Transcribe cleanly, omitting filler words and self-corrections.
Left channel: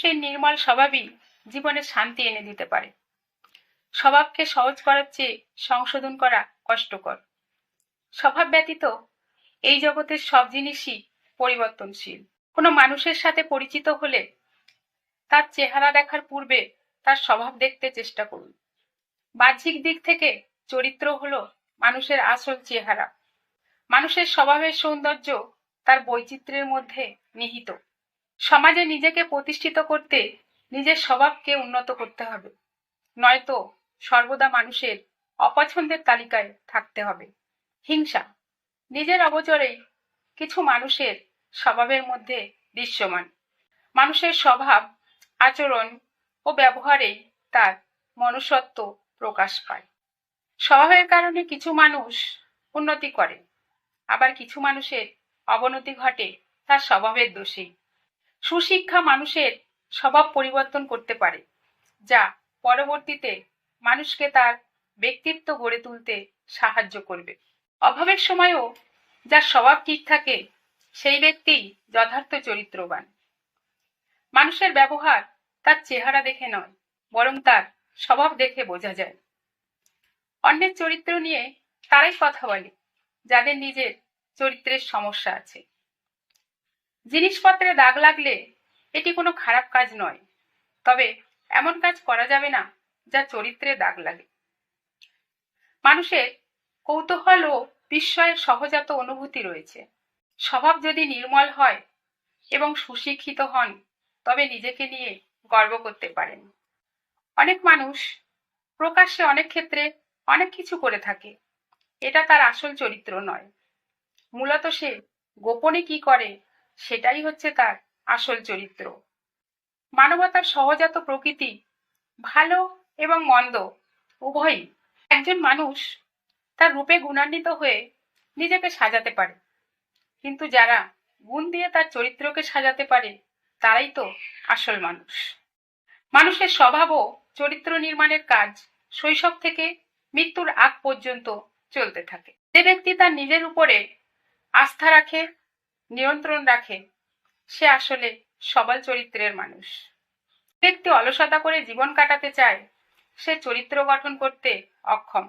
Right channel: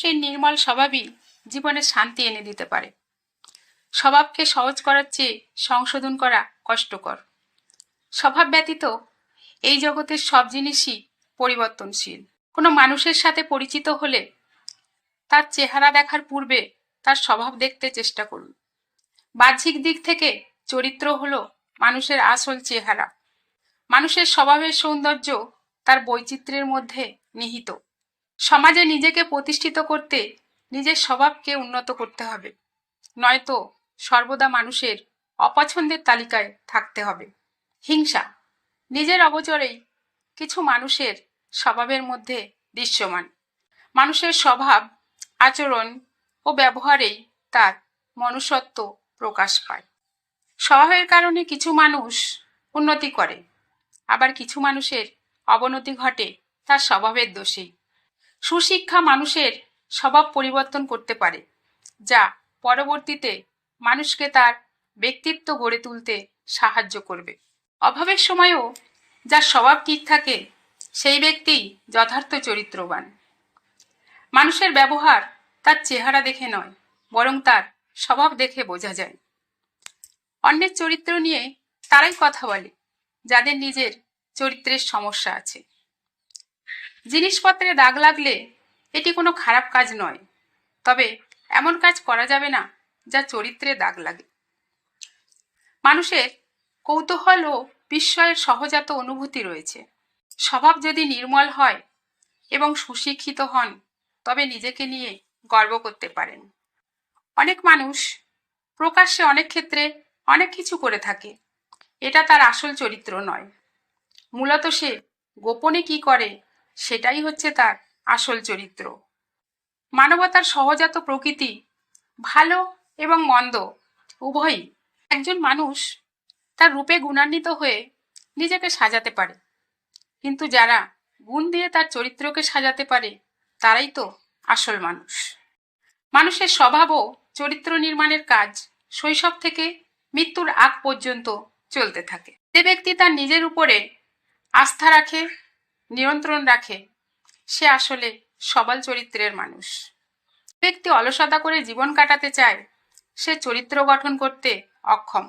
মানুষের নির্মল স্বভাবই জীবনে শান্তি এনে দিতে পারে। স্বভাবকে সহজ করার চেয়ে সংশোধন করা কষ্টকর। স্বভাব ব্যতীত এই জগতের সব জিনিসই পরিবর্তনশীল। কোনো মানুষের সাথে পরিচিত হলে তার চেহারা দেখার পূর্বে তার স্বভাব দেখতে চেষ্টা করুন। বাহ্যিক দিক থেকে চরিত্র হলো মানুষের আসল চেহারা। মানুষের স্বভাবের সৌন্দর্য তার বৈচিত্র্যের মধ্যে নিহিত। সমাজে নিজেকে প্রতিষ্ঠিত করতে নিজের স্বভাবকে উন্নত করতে হবে, নয়তো সর্বদা মানুষের অপছন্দের তালিকায় থাকতে হবে। হিংসা নিজের অগোচরেই কিছু মানুষের স্বভাবের মধ্যে দৃশ্যমান। মানুষের স্বভাব, আচরণ ও ব্যবহারেই তার মনুষ্যত্ব প্রকাশ পায়। স্বভাবের কারণে কিছু মানুষ উন্নতি করে, আবার কিছু মানুষের অবনতি ঘটে তার স্বভাবের দোষেই। সুশিক্ষা মানুষের স্বভাব পরিবর্তন করতে পারে, যা পরবর্তীতে মানুষকে তার ব্যক্তিত্ব গড়ে তুলতে সাহায্য করবে। অভাবের সময়ও যার স্বভাব ঠিক থাকে সেই ব্যক্তিই যথার্থ চরিত্রবান। মানুষের ব্যবহার তার চেহারা দেখে নয়, বরং তার স্বভাব দেখে বোঝা যায়। অন্যের চরিত্র নিয়ে তারাই কথা বলে যাদের নিজের চরিত্রের সমস্যা আছে। জিনিসপত্রে দাগ লাগলে এটি কোনো খারাপ কাজ নয়, তবে এমন কাজ করা যাবে না যা চরিত্রে দাগ লাগে। মানুষের কৌতূহল ও বিস্ময়ের সহজাত অনুভূতি রয়েছে। স্বভাব যদি নির্মল হয় এবং সুশিক্ষিত হন, তবে নিজেকে নিয়ে গর্ব করতে পারেন। অনেক মানুষ প্রকাশ্যে অনেক ক্ষেত্রে অনেক কিছু করে থাকে, এটা তার আসল চরিত্র নয়। মূলত সে গোপনে কি করে সেটাই হচ্ছে তার আসল চরিত্র। মানবতার সহজাত প্রকৃতি ভালো এবং মন্দ উভয়ই। একজন মানুষ তার রূপে গুণান্বিত হয়ে নিজেকে সাজাতে পারে, কিন্তু যারা গুণ দিয়ে তার চরিত্রকে সাজাতে পারে তারাই তো আসল মানুষ। মানুষের স্বভাব ও চরিত্র নির্মাণের কাজ শৈশব থেকে মৃত্যুর আগ পর্যন্ত চলতে থাকে। যে ব্যক্তি তার নিজের উপরে আস্থা রাখে, নিয়ন্ত্রণ রাখে, সে আসলে সবল চরিত্রের মানুষ। ব্যক্তি অলসতা করে জীবন কাটাতে চায়, সে চরিত্র গঠন করতে অক্ষম।